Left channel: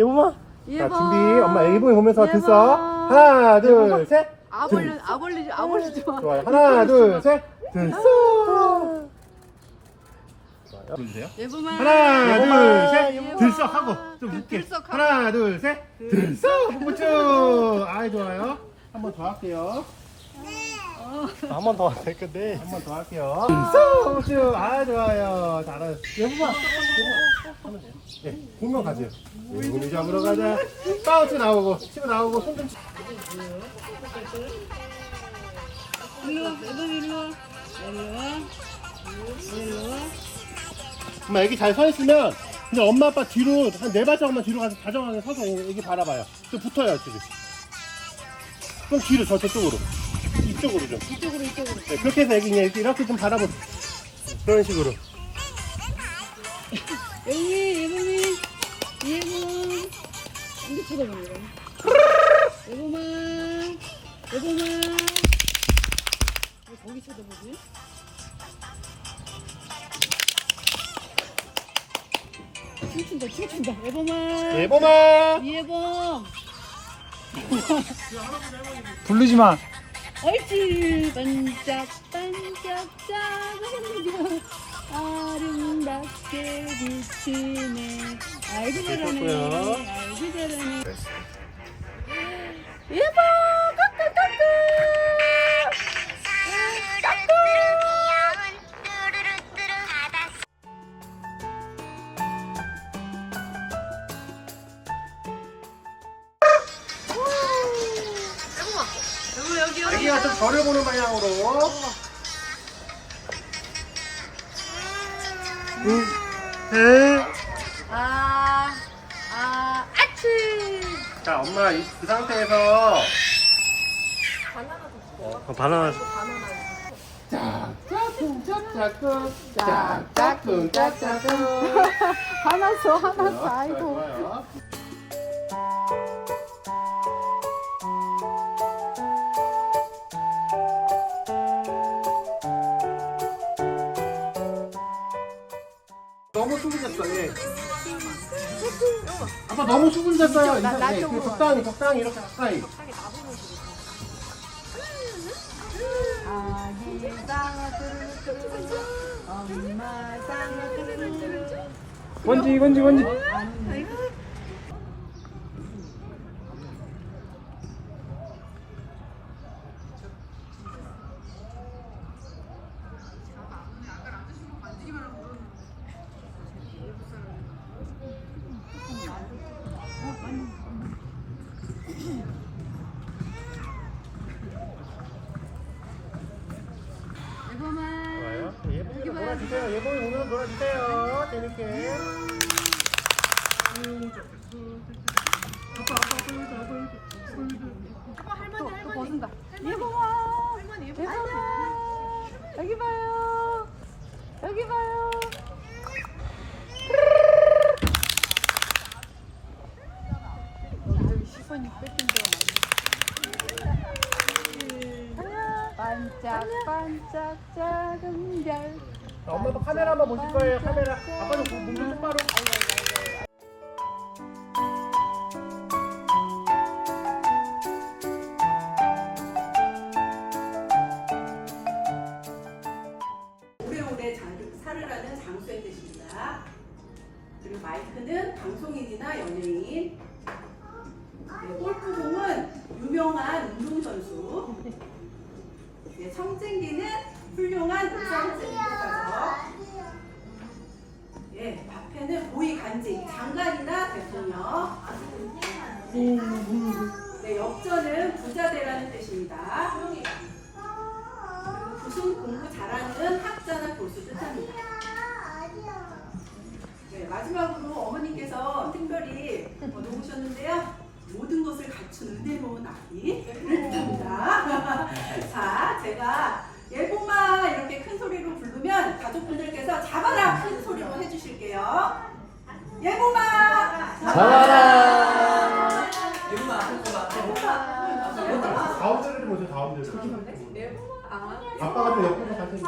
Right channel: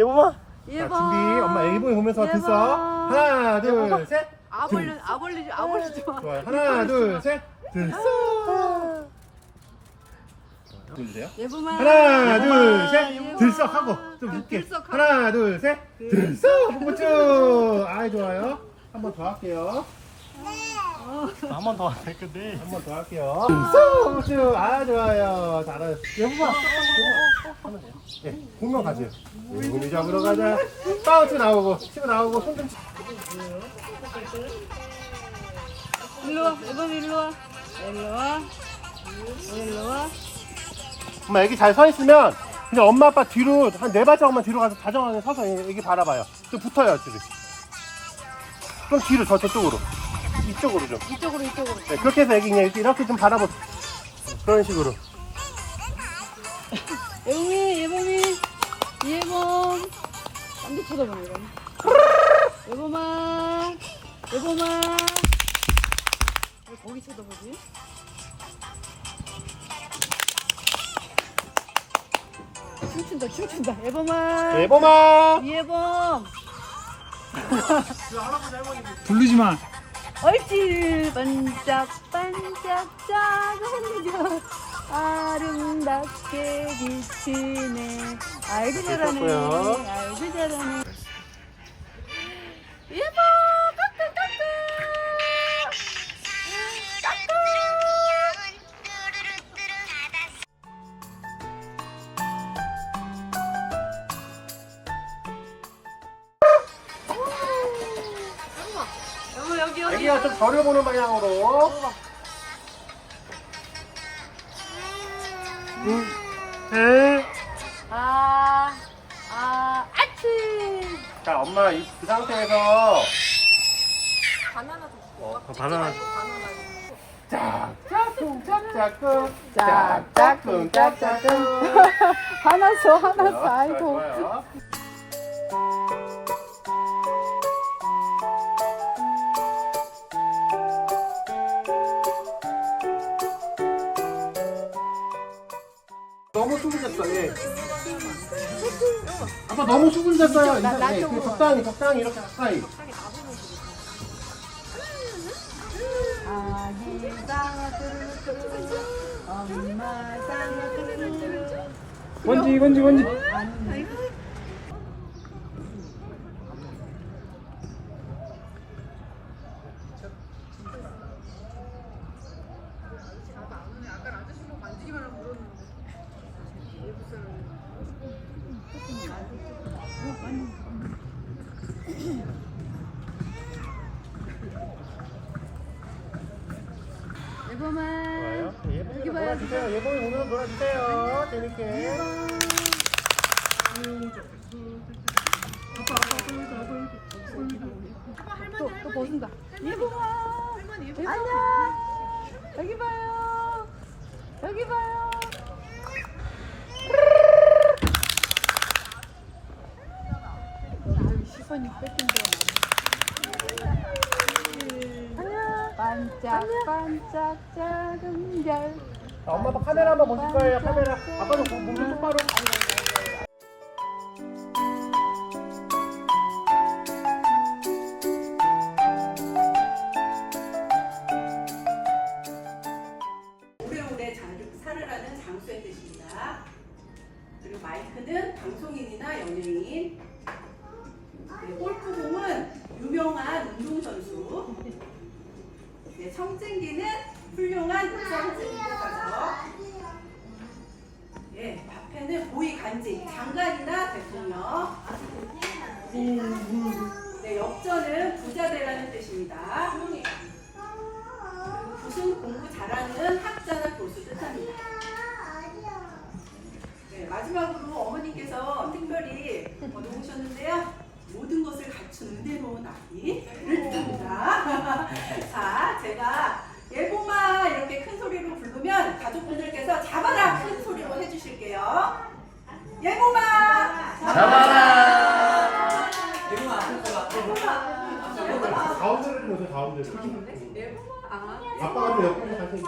예보마. 자 준비. 엄마 예보이 보면서 들써. 하나 둘 셋. 아벌리 아벌리 아벌리지 마. 좋아요. 하나 둘 셋. 들써. 좋아요. 들으세요. 예보만. 하나 둘 예보만. 셋. 들써 하고 좀 웃게. 하고. 하나 둘 셋. 들써. 뽀뽀쭈. 아이 좋아요. 한 번 더 할게요. 한 번 더 할 건데. 한 번 더 할게요. 뽀뽀쭈. 아 좋아요. 잘하셨어. 예보마. 예보마. 네, 공룡 가세요. 공룡 잡으러 가자. 바운스 나오고, 치고 나오고, 손 좀. 일로 와. 예보만 일로 와. 일로 와. 일로 와. 엄마 애기 잘 서 있으면 그냥 엄마 아빠 뒤로 한 네 발자국만 뒤로 가서 다정하게 서서 애- 애기 바라봐요. 좀 붙어요, 둘이. 그럼 뒤로 저 저쪽으로. 이쪽으로 좀. 이쪽으로 이쪽으로. 네, 그렇게 해서 애기 그냥 이렇게, 이렇게 좀 바라보. 그런 식으로. 에이 예보미. 예봄. 안돼 쳐다보네 이거. 예보만. 예보만. 왜 거기 쳐다보지? 춤춘다 춤춘다 예보만. 예범아. 예봄. 부르지 마. 옳지 반짝 반짝 작은 별 아름답게 비치네 아이고 잘하네. 아이고 잘하네 애기야 좀 저려보는 방향으로. 응. 에. 아, 아, 아치 자, 엄마 이, 그 상태에서 바나나도 줄게. 어, 바나나. 바나나. 짝짝꿍 짝짝꿍 짝짝꿍 짝짝꿍 화났어 화났어 아이고 좋아요. 너무 수근졌어, 예. 아빠 너무 수근졌어요. 나- 나 예, 쪽으로 적당히, 적당히 이렇게 가까이. 뚜루뚜루 뚜루뚜루 원지, 원지. 예보만 좋아요. 예봉이 여기 봐요. 놀아주세요. 예봉이 오늘 놀아주세요. 재밌게. 또, 또 벗은다 예보만 예보만 여기 봐요 여기 봐요 여기 시선이 뺏긴다 반짝반짝 작은 별 자, 엄마 아빠 카메라 한번 보실 거예요. 카메라. 아빠도 그몸좀 똑바로. 오래오래 장- 살으라는 장수의 뜻입니다. 그리고 마이크는 방송인이나 연예인. 네, 골프공은 유명한 운동선수. 네, 청진기는 훌륭한 의사선생 간직, 장관이나 대통령. 네, 역전은 부자 되라는 뜻입니다. 그리고 굿은 공부 잘하는 학자나 교수 뜻합니다. 네, 마지막으로 어머니께서 특별히 어, 놓으셨는데요. 모든 것을 갖춘 은혜로운 아기를 뜻합니다. 자, 제가 예보마 이렇게 큰 소리로 부르면 가족분들께서 잡아라 큰 소리로 해주실게요. 예보마 잡아라. 예보마. 가운데를 보세요. 가운데를. 예보마. 아. 아빠가 좀 옆으로 다시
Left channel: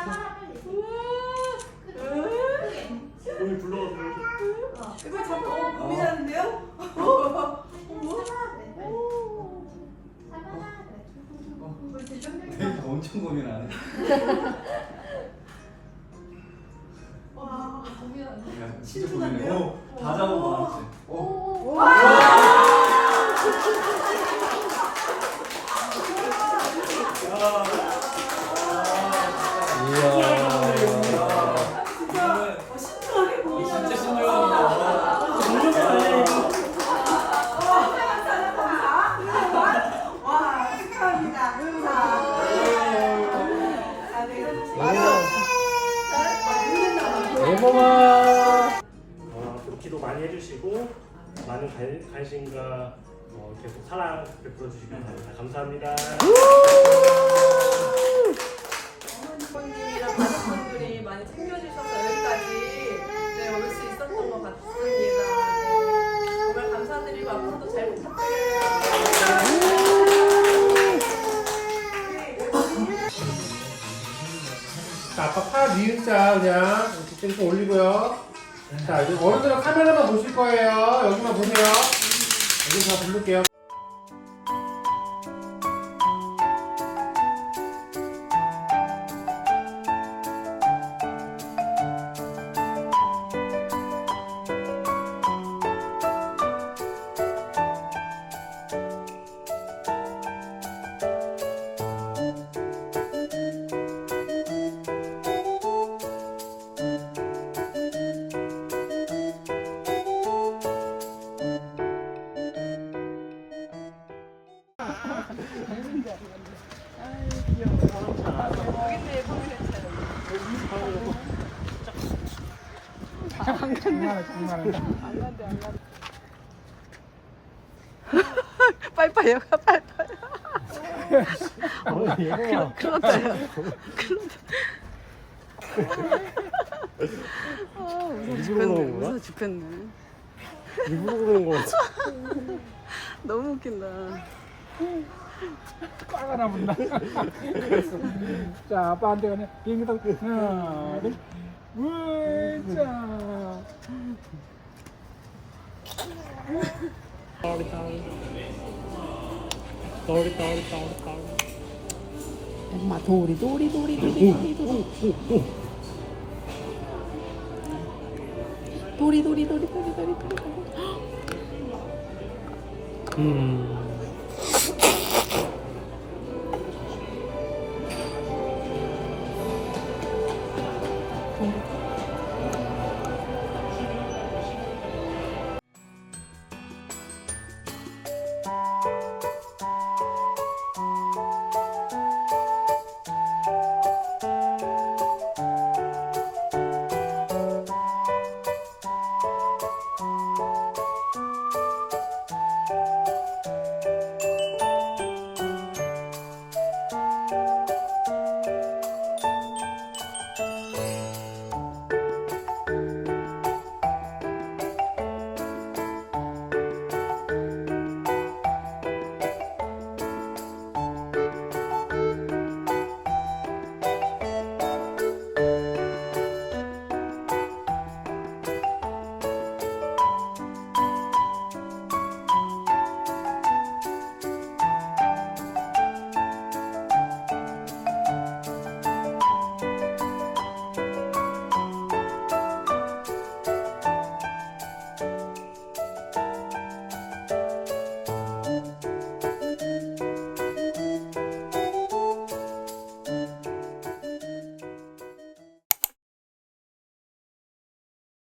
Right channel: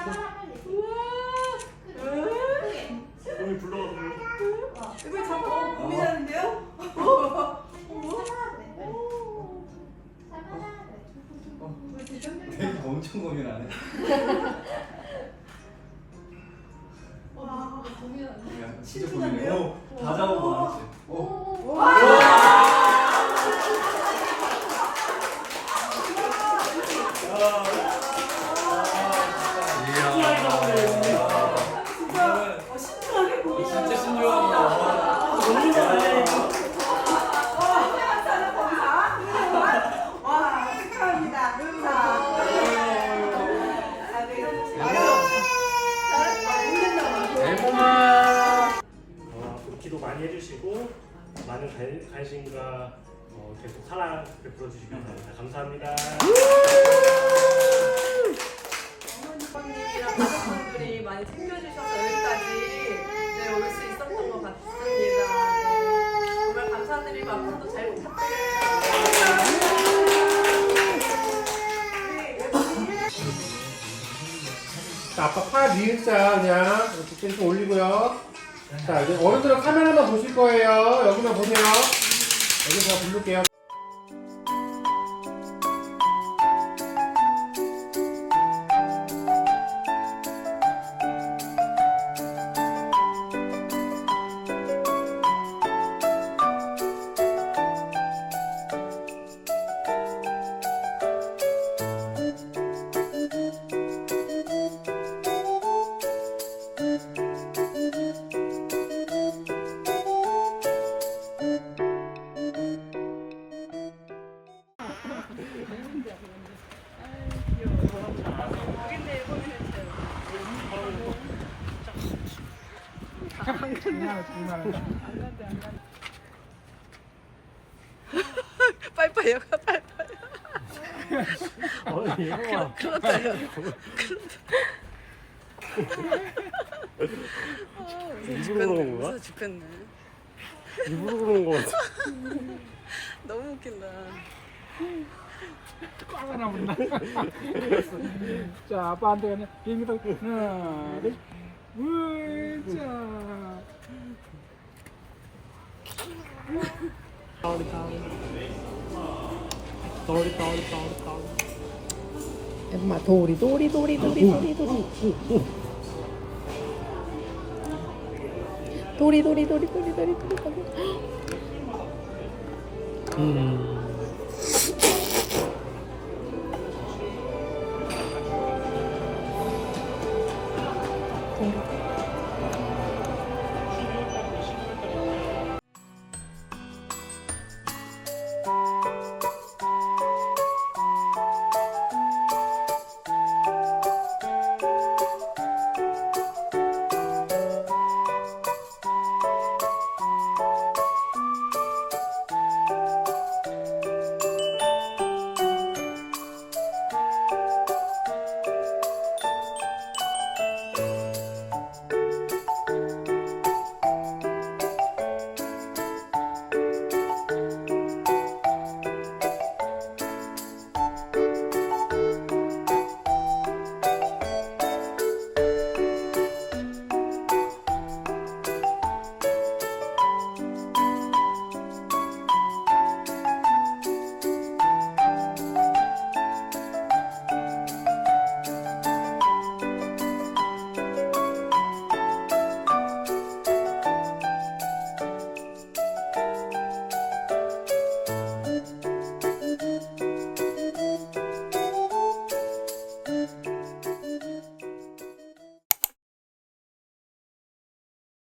진짜 고민해. 어, 다 잡아봐, 알았지? 어. 많은 관, 관심과 어, 계속 사랑 베풀어 주시기 바랍니다 감사합니다 어머님이랑 가족분들이 많이 챙겨주셔서 여기까지 네, 올 수 있었던 것 같습니다. 네, 정말 감사드리고 앞으로도 잘 부탁드려요. 자, 아빠 팔 미을자 그냥 이렇게 좀 올리고요. 자, 이제 어른들은 카메라만 보실 거예요. 여기만 보세요. 여기 제가 부를게요. 장난해 장난해 빨빨이요, 빨빨. 어, 얘가 일부러 그런 건가? 무서워 죽겠네. 일부러 그런 거 같아. 너무 웃긴다. 꽉 하나 문다 자 아빠한테 그냥 비행기도 하나 둘 물자 엄마 도리 도리 도리 도리 도리 도리 도리 도리 도리 도리 도리 도리 음.